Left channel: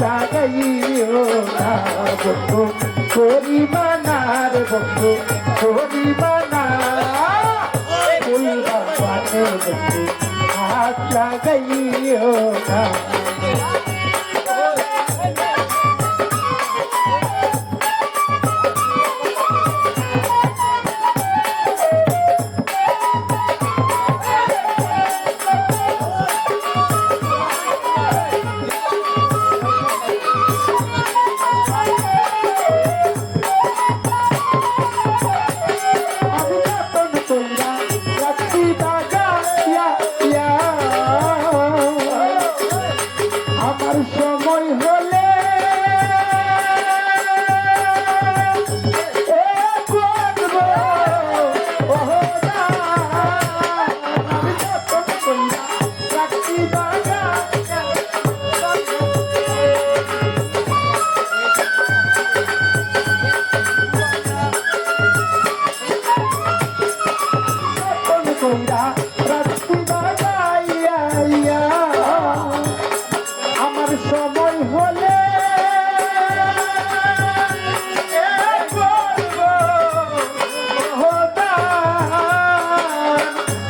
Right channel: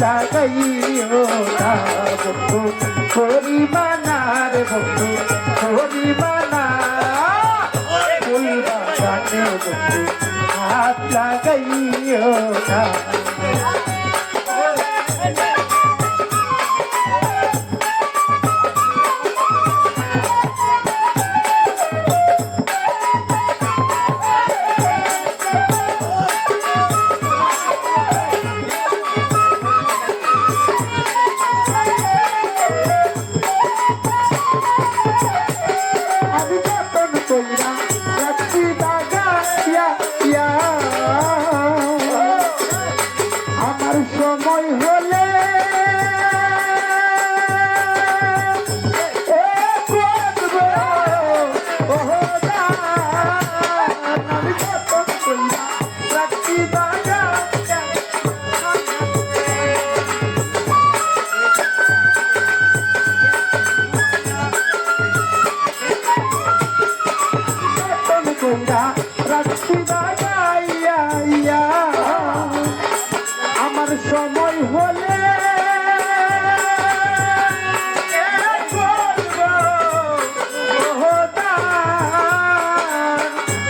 জাগাইও না বন্ধু পরিবানার বন্ধু পরিবানা ফুল বাগানে বন্ধু হাত লাগাইও না আমার সময় হলে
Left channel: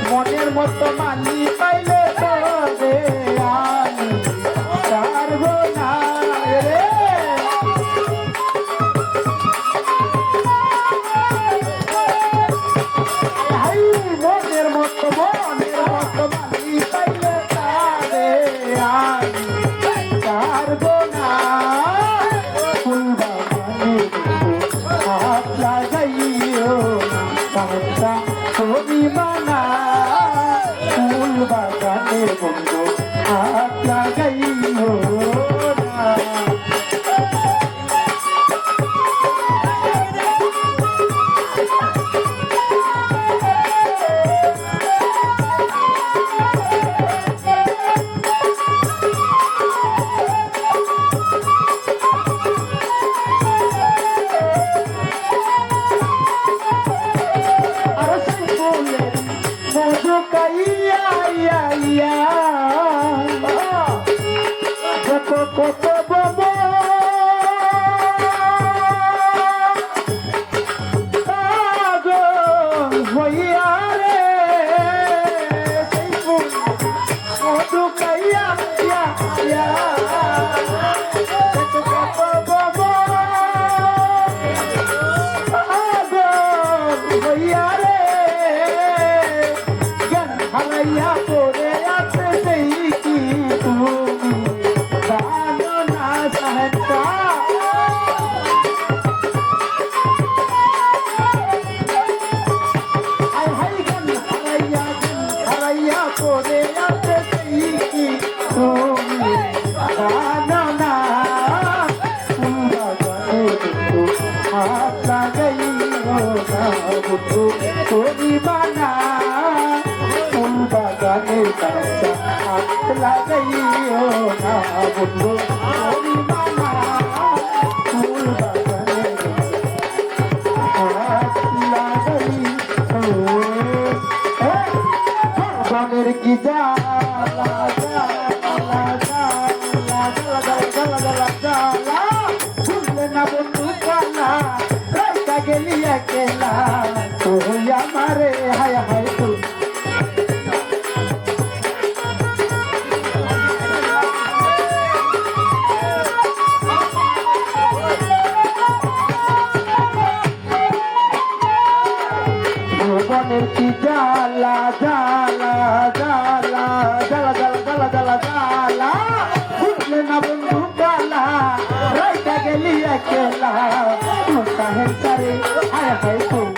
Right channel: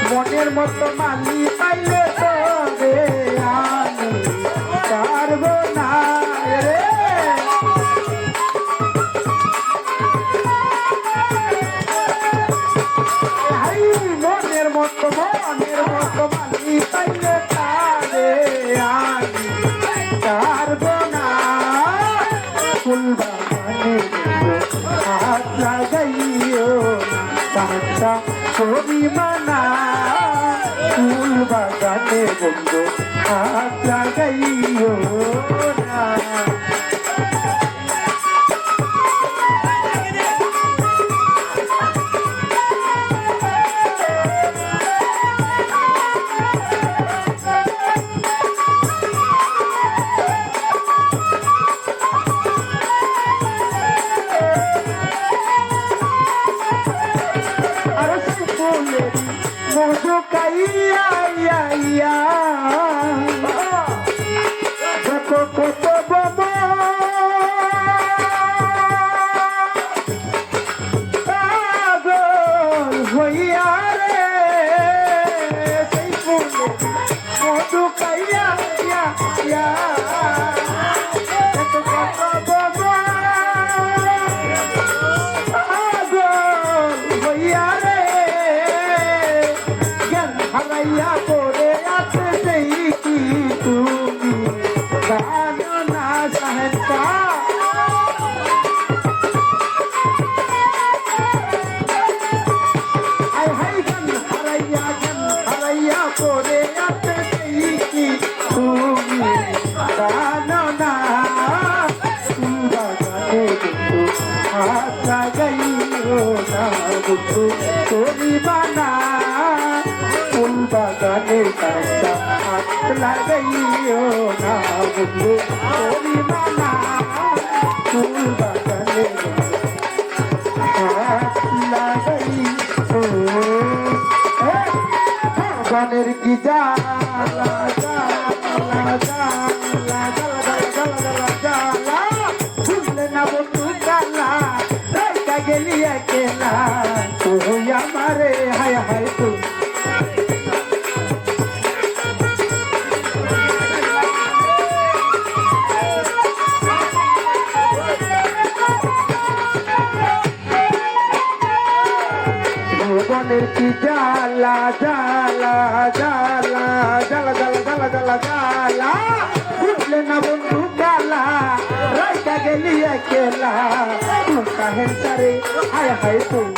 মনের মতো মালি পাইলে পারবো না মনের মতো মালি পাইলে পারবো না ফুল বাগানে হাত লাগাইও না পরিমানা ফুল বাগানে বন্ধু হাত লাগাইও না পরিবানা ফুল বাগানের কাছে হাত লাগাইও না বন্ধু পরিবানা ফুল বাগানের হাত লাগাইও গানের কি জ্বালা জ্বালা জ্বালা জ্বালা জ্বালা জ্বালা শুনলে না বন্ধু জ্বালা রাইতা গেলি একলা তুই আমারে হায় হায় তুই মনের কি জ্বালা জ্বালা জ্বালা জ্বালা জ্বালা জ্বালা জ্বালা জ্বালা বুঝলে না বন্ধু জ্বালা রাইতা গেলি একলা তুই কাহের সারে হায় হায় তুই